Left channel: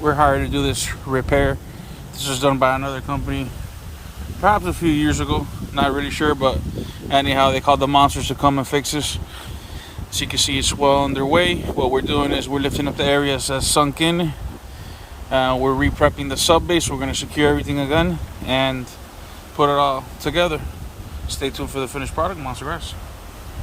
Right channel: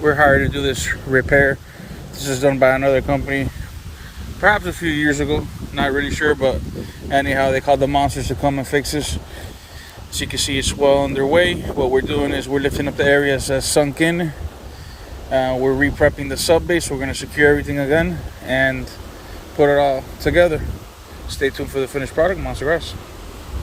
we're hired to do this repair. This was done by another company, perhaps a few years ago. Not really sure, but anyhow, they called the monsters to come and fix this. As you can see, it's well underway. What we're doing is we're lifting up the areas that's sunk in. We're re-prepping the sub base. We're going to secure everything again and put it all together. Stay tuned for the finished product, Monster Grass.